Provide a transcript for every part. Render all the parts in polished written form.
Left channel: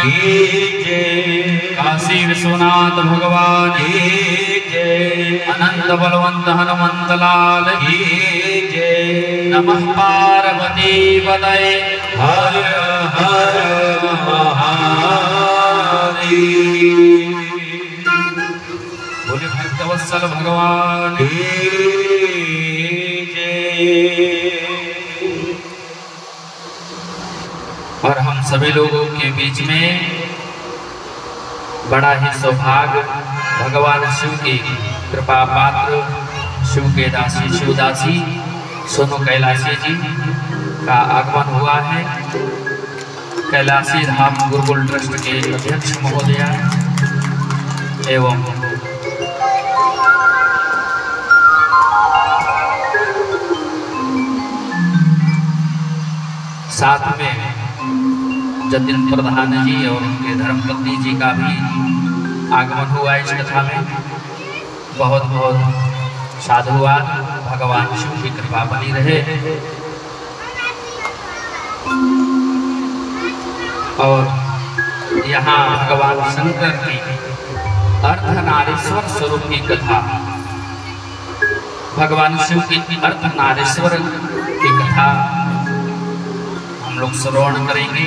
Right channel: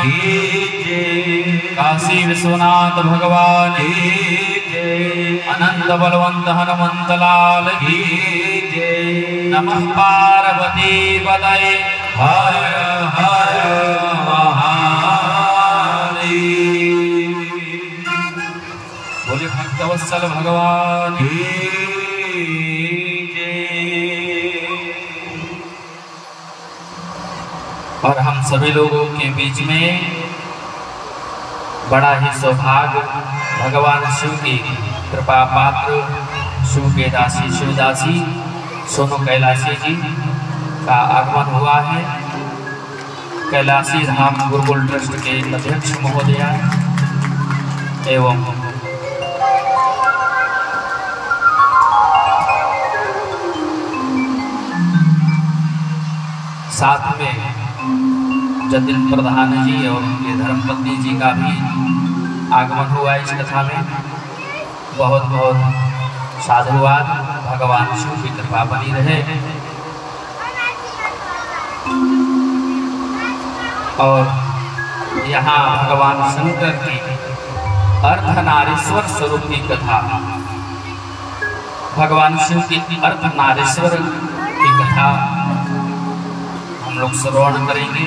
की जय, काशी विश्वनाथ भगवान की जय, अनंत बलवंत हनुमंत लाल की जय। नमः पार्वती पतये हर हर महादेव। बोले भक्तवत्सल भगवान की जय। और हम सभी लोगों के बीच में बड़ा ही सौभाग्य भगवान शिव की कृपा पात्र शिव के दासी शिवदासी सोनू कैलाशी जी का आगमन हुआ है। कैलाशी धाम गुरुकुल ट्रस्ट के अध्यक्ष महोदय एवं साथ में जतिन प्रधान जी एवं उनके धर्मपत्नी जी का भी आगमन हुआ इस कथा में। बहुत बहुत साधुवाद। भगवान शिव की कृपा बनी रहे। और यहाँ भगवान शंकर की अर्धनारीश्वर स्वरूप की कथा, भगवान शिव की अर्धनारीश्वर की कथा हम लोग श्रवण करेंगे।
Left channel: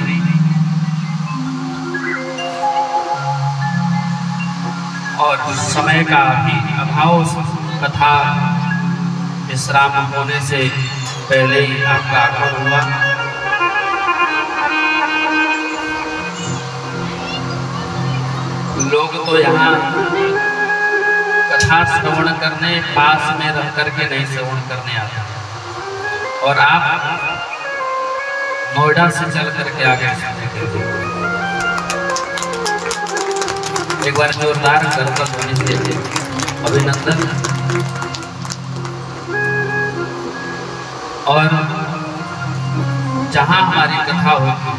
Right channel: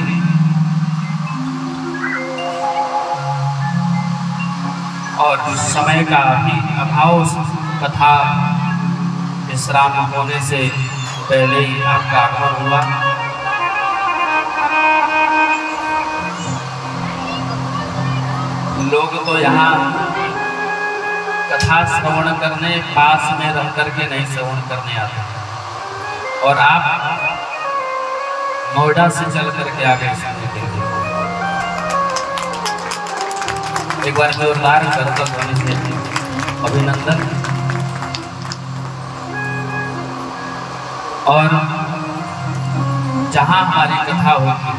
और समय का भी अभाव, कथा विश्राम होने से पहले ही आपका आगमन हुआ। लोग तो यहाँ कथा श्रवण करने पास में रह करके नहीं श्रवण करने आते, और आप नोएडा से चल करके आगे सुनते थे। एक बार जोरदार करतब ध्वनि से अभिनंदन। और जहां हमारी कथा होती है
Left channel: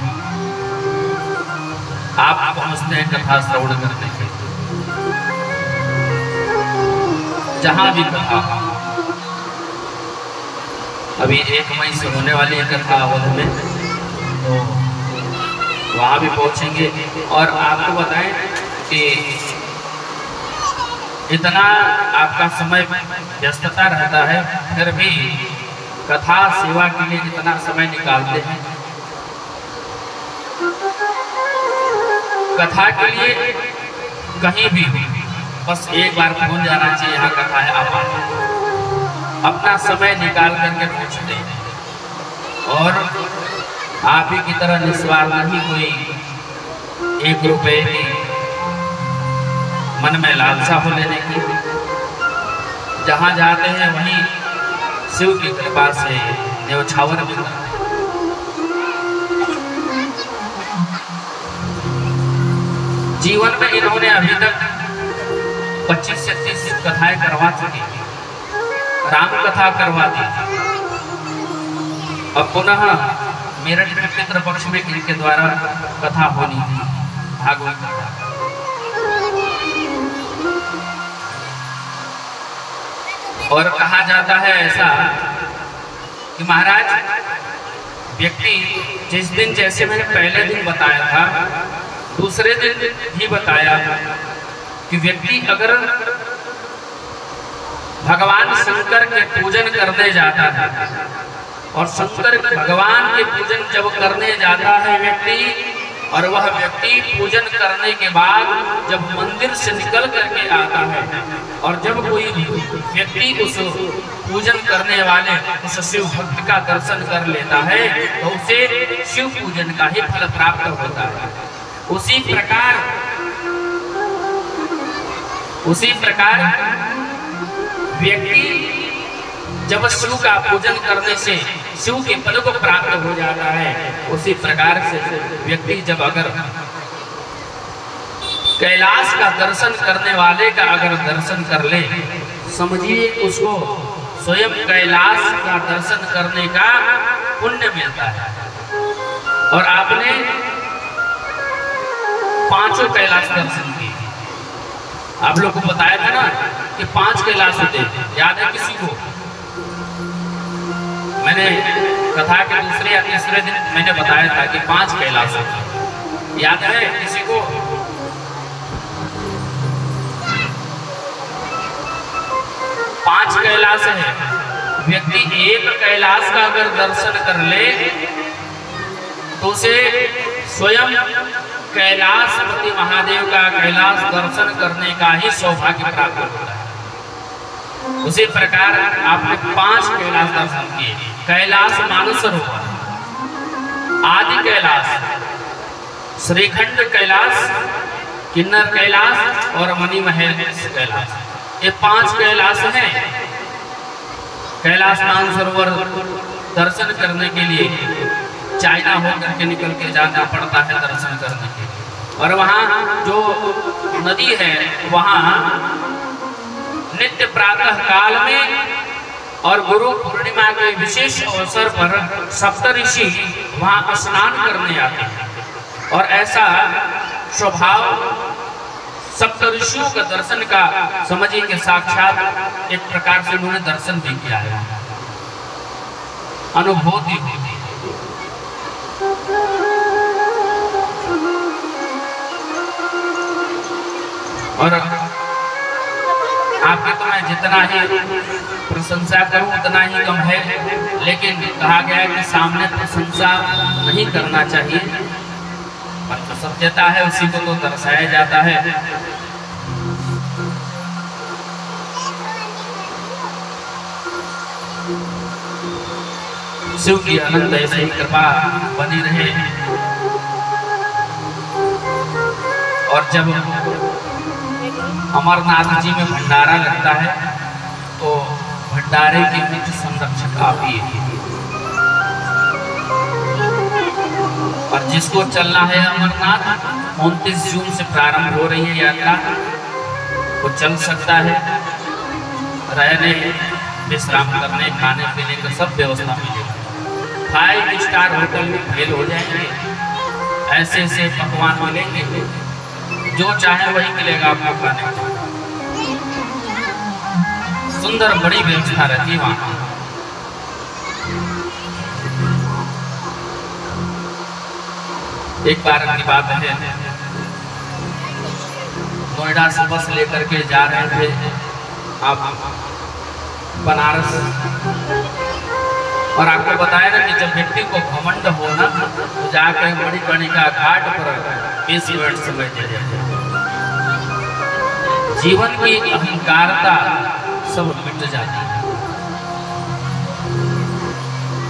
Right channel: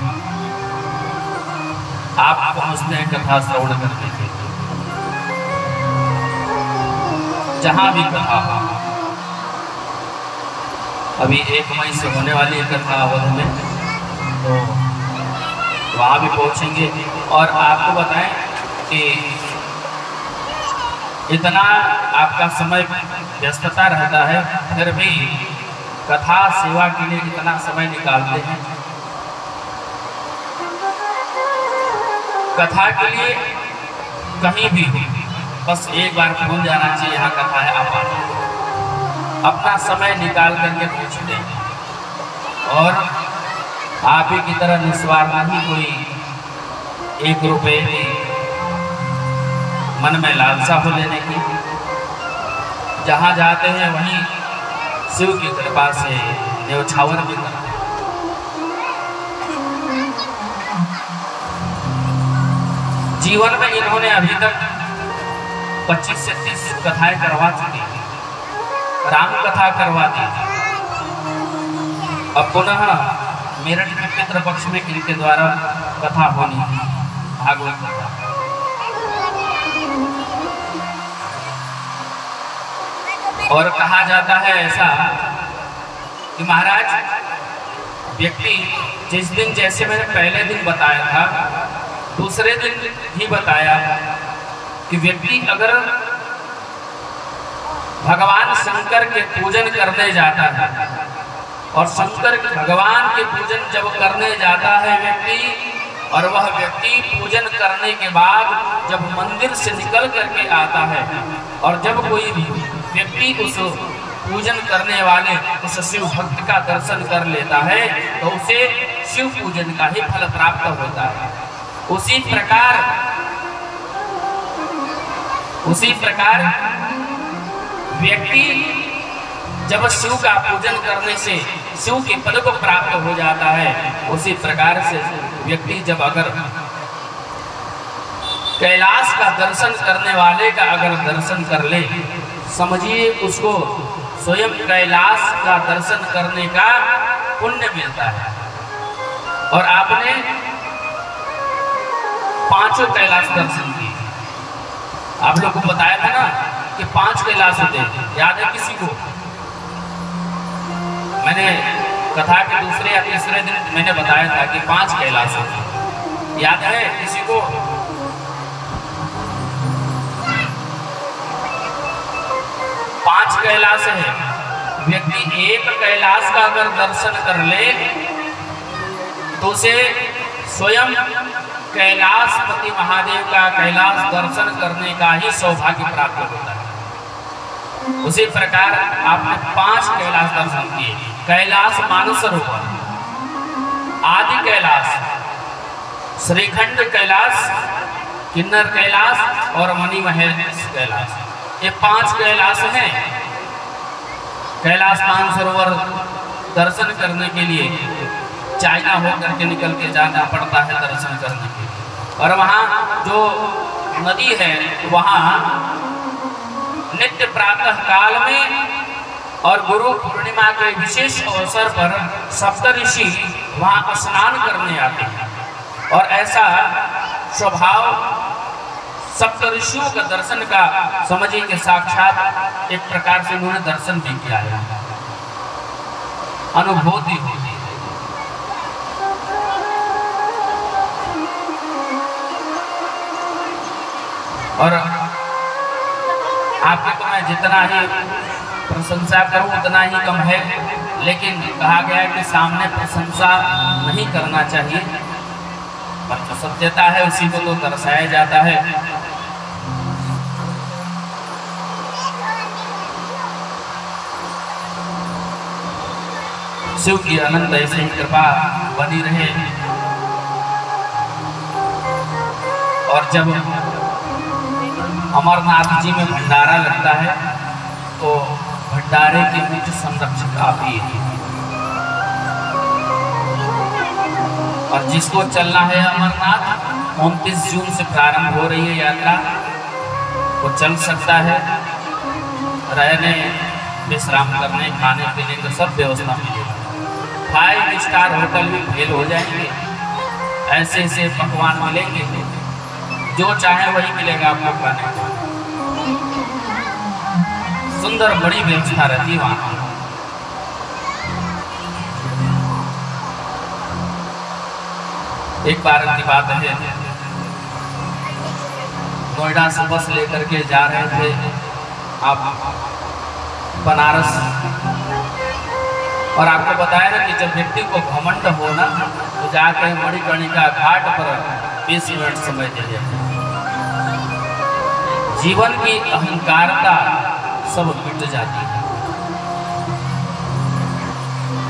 आप पहुंचते हैं कथा श्रवण करने के लिए। जहां भी कथा, अभी 1 मई से होने वाली है कथा अवध में, वहां भी पहुंचेंगे। और आपको बताएं कि इतना आपका समय व्यस्तता रहता है, फिर भी कथा सेवा के लिए इतना समय निकालते हैं। कथा के लिए कहीं भी बस एक बार फोन जाना चाहिए, यहाँ कथा है, आप आए, अपना समय निकाल करके पूछ दें। और आप ही की तरह निस्वार्थ नहीं कोई 1 रुपए की मन में लालसा हो लेने की। जहाँ जाते हैं वहीं शिव की कृपा से न्यौछावर भी करते हैं। जीवन में इन्होंने अभी तक 25 से 30 कथाएं करवा चुकी, राम कथा करवा दी। अब पुनः मेरठ में पितृ पक्ष में इनके द्वारा कथा होनी है, भागवत कथा। और कहा जाता है ऐसा कि महाराज, व्यक्ति जिस दिन, जैसे मैंने पहले दिन बताया था, दूसरे दिन ही बताया कि व्यक्ति अगर भगवान शंकर के पूजन करने जाता है, और शंकर भगवान के पूजन जब करने जाता है व्यक्ति, और वह व्यक्ति पूजन करने के बाद जब मंदिर से निकल करके आता है, और जब कोई व्यक्ति उस पूजन करने वाले उस शिव भक्त का दर्शन कर लेता है, तो उसे शिव पूजन का ही फल प्राप्त होता है। उसी प्रकार व्यक्ति जब शिव का पूजन करने से शिव के पद को प्राप्त हो जाता है, उसी प्रकार से व्यक्ति जब अगर कैलाश का दर्शन करने वाले का अगर दर्शन कर ले, समझिए उसको स्वयं कैलाश का दर्शन करने का पुण्य मिलता है। और आपने 5 कैलाश दर्शन किए, आप लोग को बताया था ना कि 5 कैलाश होते हैं, याद है किसी को? मैंने कथा के दूसरे या तीसरे दिन मैंने बताया था कि 5 कैलाश होते हैं, याद है? कैलाश है। व्यक्ति एक कैलाश का अगर दर्शन कर ले तो उसे स्वयं कैलाशपति महादेव का कैलाश दर्शन करने का ही सौभाग्य प्राप्त होता है। उसी प्रकार आपने 5 कैलाश दर्शन किए। कैलाश मानसरोवर, आदि कैलाश, श्रीखंड कैलाश, किन्नर कैलाश और मणिमहेश कैलाश, ये 5 कैलाश हैं। कैलाश मानसरोवर दर्शन करने के लिए चाइना होकर के निकल के जाना पड़ता है दर्शन करने के लिए। और वहाँ जो नदी है वहाँ नित्य प्रातः काल में और गुरु पूर्णिमा के विशेष अवसर पर सप्तऋषि वहाँ स्नान करने आते हैं। और ऐसा स्वभाव सप्तऋषियों का दर्शन का समझिए कि साक्षात एक प्रकार से उन्होंने दर्शन भी किया है, अनुभूति होती है। और आपके तो मैं जितना ही प्रशंसा करूं उतना ही कम है, लेकिन कहा गया है कि सामने प्रशंसा नहीं करना चाहिए। पर सत्यता है उसी को तो दर्शाया जाता है। शिव की अनंत ऐसी कृपा बनी रहे। और जब अमरनाथ जी में भंडारा लगता है तो भंडारे के बीच संरक्षक आप ही हैं। और जिसको चलना है अमरनाथ, 29 जून से प्रारंभ हो रही है यात्रा, वो चल सकता है। रहने, विश्राम करने, खाने पीने की सब व्यवस्था मिलेगी। 5 स्टार होटल में फेल हो जाएंगे, ऐसे ऐसे पकवान मिलेंगे, जो चाहे वही मिलेगा आपको खाने को। सुंदर बड़ी व्यवस्था रहती है वहां। एक बार की बात है, नोएडा से बस लेकर के जा रहे थे आप बनारस। और आपको बताया ना कि जब व्यक्ति को घमंड हो ना तो जाकर मणिकर्णिका घाट पर 20 मिनट समय दे जाए। जीवन की अहंकारता सब मिट जाती है।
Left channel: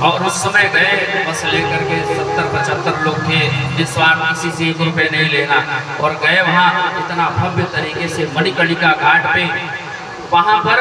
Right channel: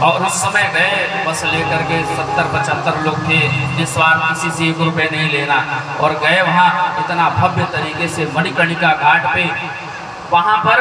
और उस समय गए बस लेकर के 70-75 लोग थे, निस्वार्थ किसी से 1 रुपये नहीं लेना। और गए वहाँ इतना भव्य तरीके से मणिकर्णिका घाट पे, वहाँ पर